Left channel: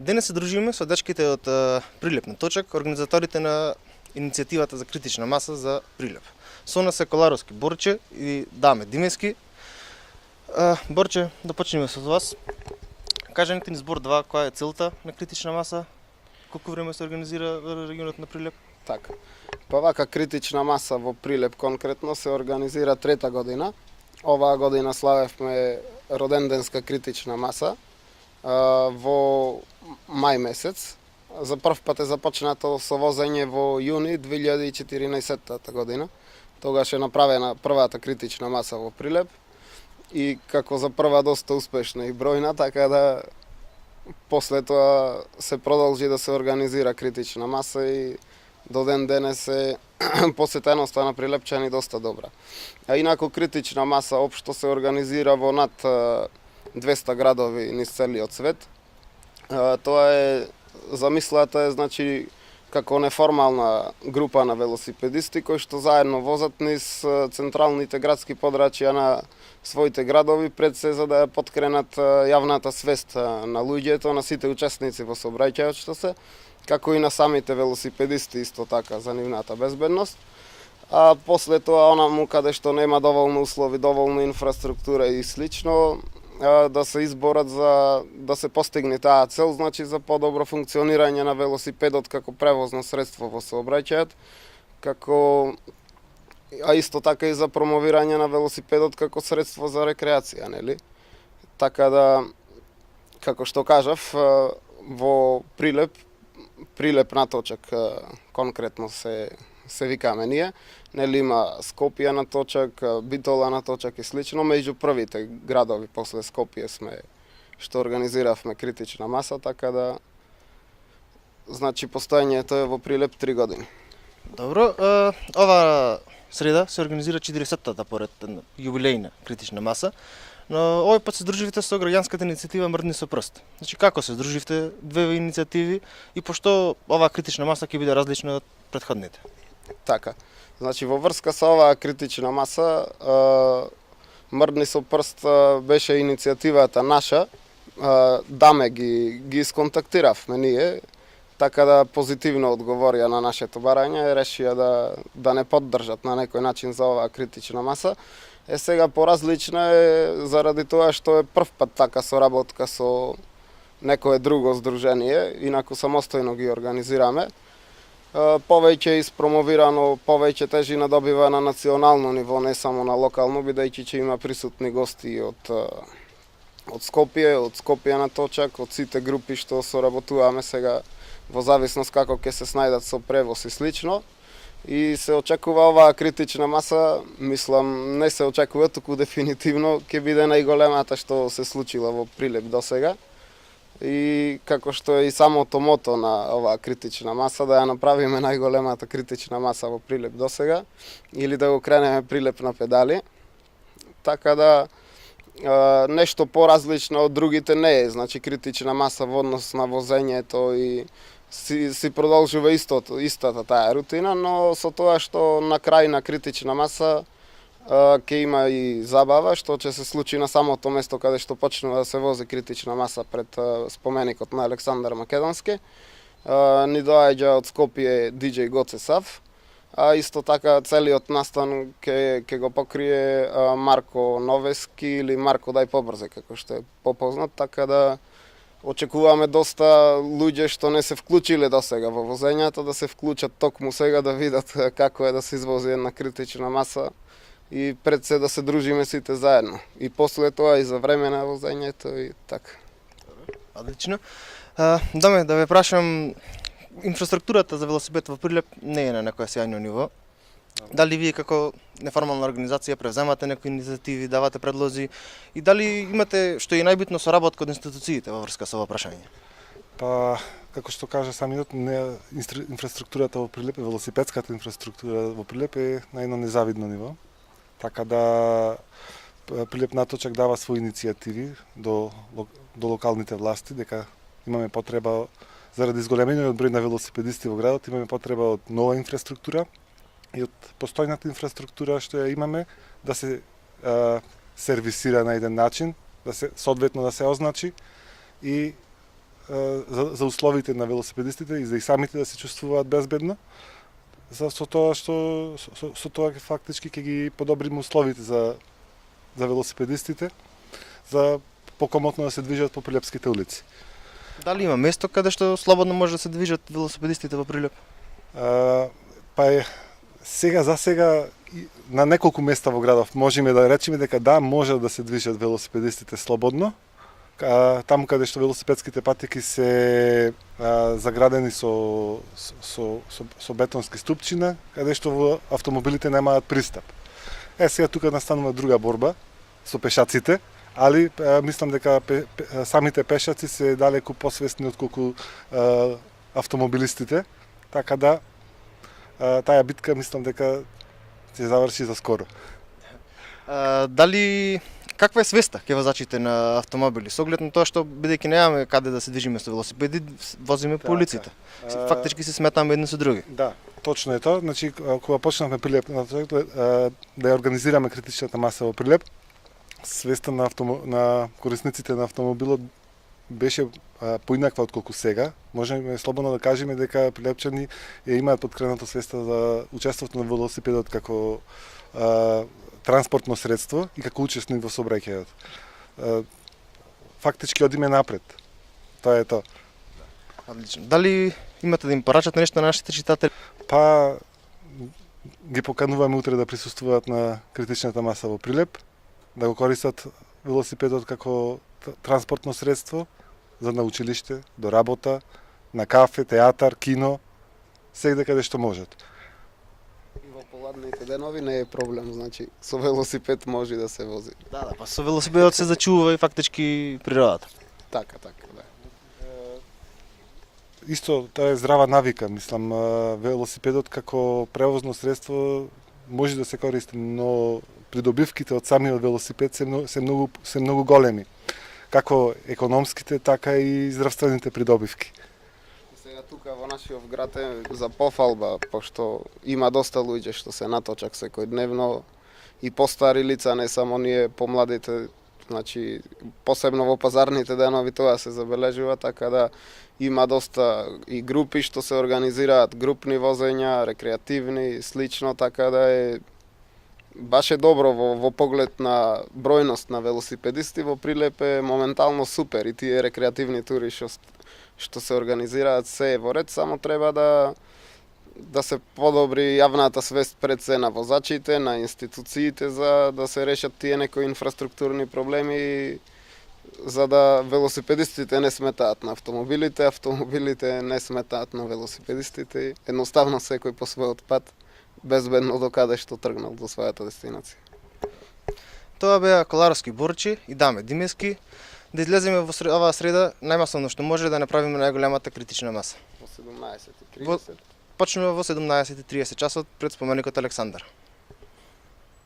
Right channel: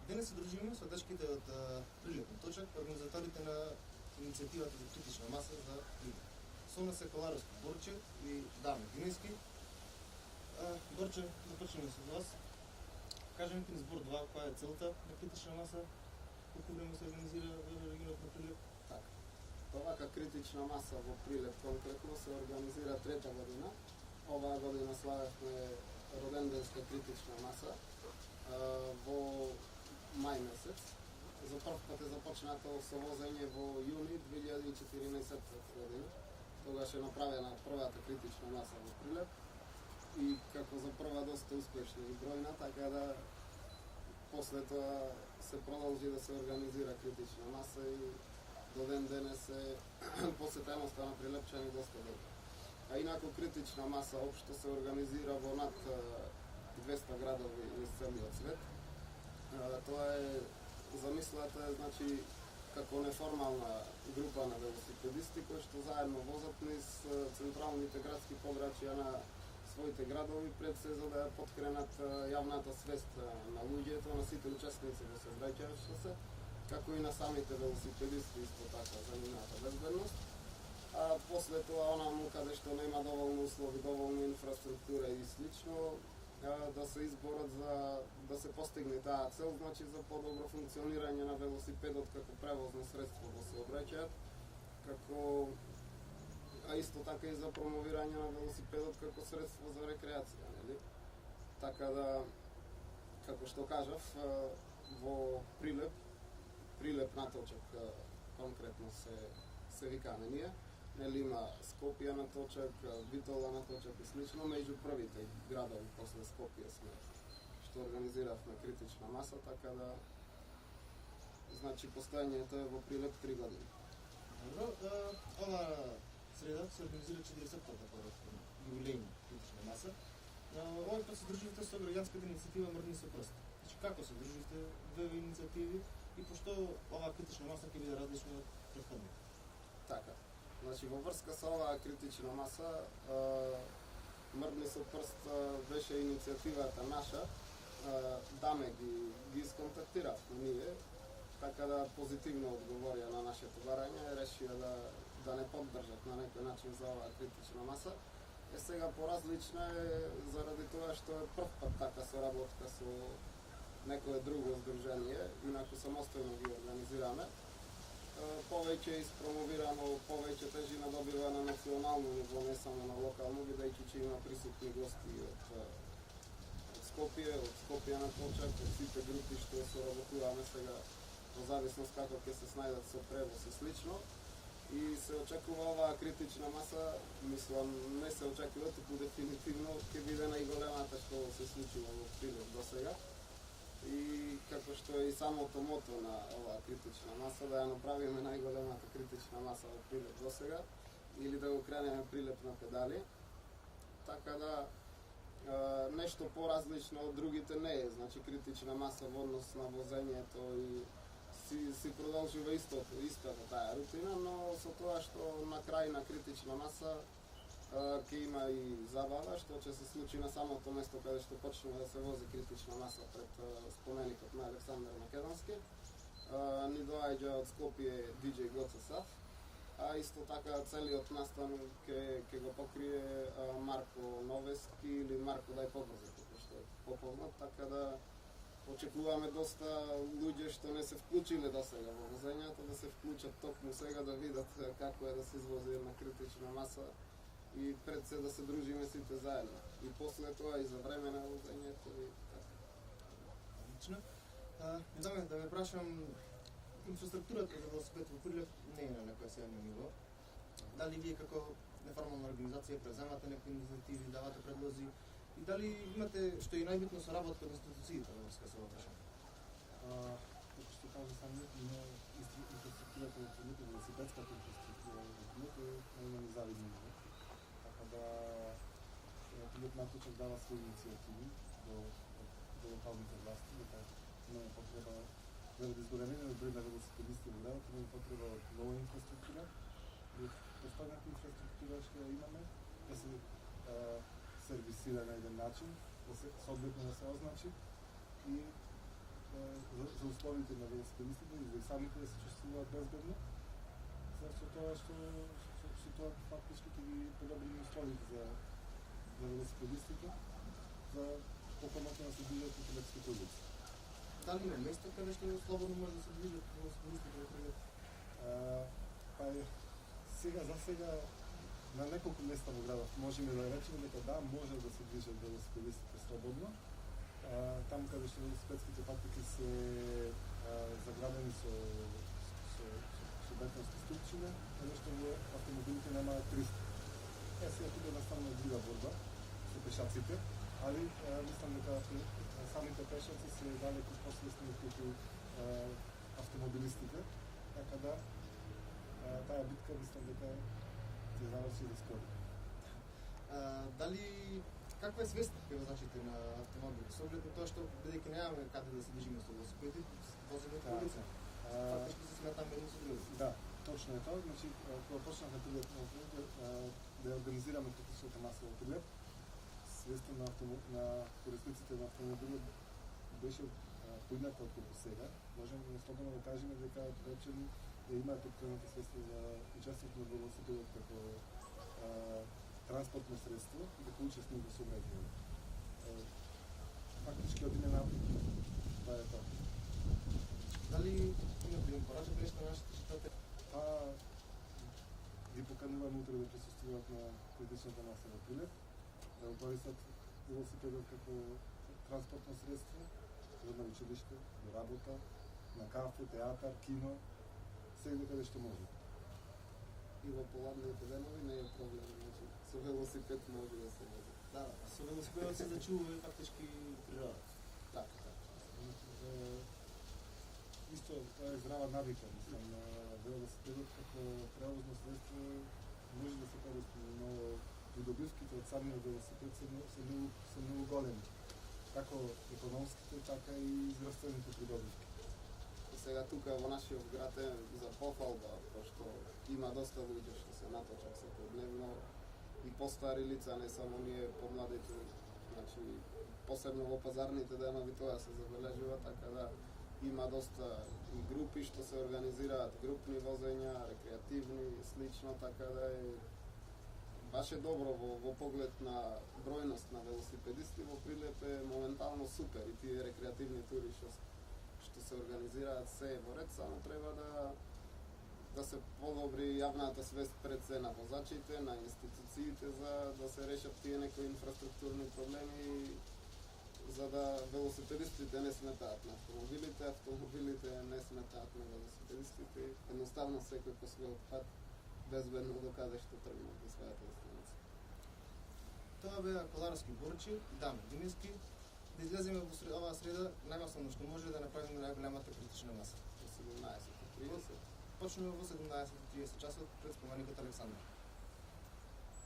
Денес се дружиме со дечките од Прилеп на Точак, организаторите на иницијативата за критична маса за Прилеп. Со нас е Коларовски Борче и Даме Димески. Борче, да почнеме со вас. Кажете ни збор 2, која е целта на критична маса? Колку време се организира во регионот на Прилеп? Така. Па вака критична маса во Прилеп конкретно се организира трета година. Оваа година славевме роденденска критична маса во мај месец. За прв пат е започнато со возење во јуни 2014 година. Тогаш е направена првата критична маса во Прилеп и како за прва доста успешна и бројна, така да после тоа се продолжи да се организира критична маса и до ден денес е посетеноста на прилепчани доста добра. А инаку критична маса општо се организира во над 200 градови низ целиот свет. Тоа е замислата е значи како неформална група на велосипедисти кои што заедно возат низ централните градски подрачја на своите градови пред се за да ја поткренат јавната свест на луѓето, на сите учесници во сообраќајот како и на самите велосипедисти исто така за нивната безбедност. А после тоа онаму каде што нема доволно услови, доволно инфраструктура и слично, да се изборат за да се постигне таа цел, значи за подобро функционирање на велосипедот како превозно средство во сообраќајот, а исто така и за промовирање на велосипедот како средство за рекреација, нели? Така да, како што кажав, во Прилеп на Точак конкретно се викаме ние, нели има Скопје на Точак, Битола на Точак и слично, меѓу првите градови после Скопје сме што организиравме критична маса, така да значи постоењето е во Прилеп 3 години. Добро, ова среда се организира 40-та поред јубилејна критична маса, но овој пат се здруживте со граѓанската иницијатива Мрдни со прст. Значи како се здруживте две иницијативи и пошто оваа критична маса ќе биде различна од претходните? Така. Значи во врска со оваа критична маса Мрдни со прст беше иницијативата наша. Даме ги исконтактиравме ние, така да позитивно одговорија на нашето барање и решија да не поддржат на некој начин за оваа критична маса. Сега поразлична е заради тоа што е прв пат така соработка со некое друго здружение, инаку самостојно ги организираме. Повеќе испромовирано, повеќе тежина добива на национално ниво, не само на локално, бидејќи ќе има присутни гости од Скопје на Точак, од сите групи што соработуваме сега во зависност како ќе се снајдат со превоз и слично. И се очекува оваа критична маса, мислам, не се очекува, туку дефинитивно ќе биде најголемата што се случила во Прилеп досега. И како што е и самото мото на оваа критична маса, да ја направиме најголемата критична маса во Прилеп досега, или да го кренеме Прилеп на педали. Така да нешто поразлично од другите не е, значи критична маса во однос на возењето и си продолжува истата таа рутина, но со тоа што на крај на критична маса ќе има и забава, што ќе се случи на самото место каде што почнува да се вози критична маса пред споменикот на Александар Македонски. Ни доаѓа од Скопје DJ Гоце Сав, а исто така целиот настан ќе го покрие Марко Новески или Марко Дај побрзе, како што е попознат, така да очекуваме доста луѓе што не се вклучиле досега во возењето, да се вклучат токму сега да видат како е да се извози една критична маса и пред се да се дружиме сите заедно. И после тоа и за време на возењето и така. Одлично. Даме, да ве прашам, инфраструктурата за велосипед во Прилеп не е на некоја сјајно ниво. Дали вие како неформална организација превземате некои иницијативи, давате предлози и дали имате, што е најбитно, соработка од институциите во врска со ова прашање? Па, како што кажа самиот, инфраструктурата во Прилеп, велосипедската инфраструктура во Прилеп е на едно незавидно ниво. Така да Прилеп на Точак дава своји иницијативи до локалните власти, дека имаме потреба, заради зголемениот број на велосипедисти во градот, имаме потреба од нова инфраструктура и од постојната инфраструктура што ја имаме да се сервисира на еден начин, да се соодветно да се означи и за условите на велосипедистите и за и самите да се чувствуваат безбедно. Со тоа што со тоа фактички ќе ги подобриме условите за велосипедистите, за покомотно да се движат по прилепските улици. Дали има место каде што слободно може да се движат велосипедистите во Прилеп? За сега на неколку места во градов можеме да речеме дека да, може да се движат велосипедистите слободно. Таму каде што велосипедските патеки се заградени со бетонски ступчина, каде што автомобилите немаат пристап. Сега тука настанува друга борба со пешаците, али мислам дека самите пешаци се далеку посвесни отколку автомобилистите, така да таа битка мислам дека ќе заврши за скоро. Дали каква е свеста ке возачите на автомобили? Со оглед на тоа што бидејќи немаме каде да се движиме со велосипеди, возиме по улиците. Фактички се сметаме едни со други. Да, точно е тоа. Значи кога почнавме Прилеп да ја организираме критичната маса во Прилеп, свеста на корисниците на автомобилот беше поинаква отколку сега. Можеме слободно да кажеме дека прилепчани ја имаат подкренато свеста за учеството на велосипедот како транспортно средство и како учесник во сообраќајот. Фактички одиме напред. Тоа е тоа. Одлично. Дали имате да им порачате нешто на нашите читатели? Ги покануваме утре да присуствуваат на критичната маса во Прилеп, да го користат велосипедот како транспортно средство за на училиште, до работа, на кафе, театар, кино, сегде каде што можат. И во поладните денови не е проблем, значи со велосипед може да се вози. Да, па со велосипедот се зачува и фактички природата. Така, да. Исто, тоа е здрава навика, мислам, велосипедот како превозно средство може да се користи, но придобивките од самиот велосипед се многу големи. Како економските, така и здравствените придобивки. Сега тука во нашиот град е за пофалба, пошто има доста луѓе што се наточак секојдневно и постари лица, не само ние помладите, значи посебно во пазарните денови тоа се забележува, така да има доста и групи што се организираат, групни возења, рекреативни и слично, така да е баш е добро во поглед на бројност на велосипедисти во Прилеп е моментално супер и тие рекреативни тури што се организираат се е во ред, само треба да се подобри јавната свест пред се на возачите, на институциите за да се решат тие некои инфраструктурни проблеми за да велосипедистите не сметаат на автомобилите, автомобилите не сметаат на велосипедистите, едноставно секој по својот пат безбедно до каде што тргнал до својата дестинација. Тоа беа Коларовски борчи и Даме Димески. Да излеземе во оваа среда најмасовно што може да направиме најголемата критична маса. Во 17:30. Почнува во 17:30 часот пред споменикот Александар.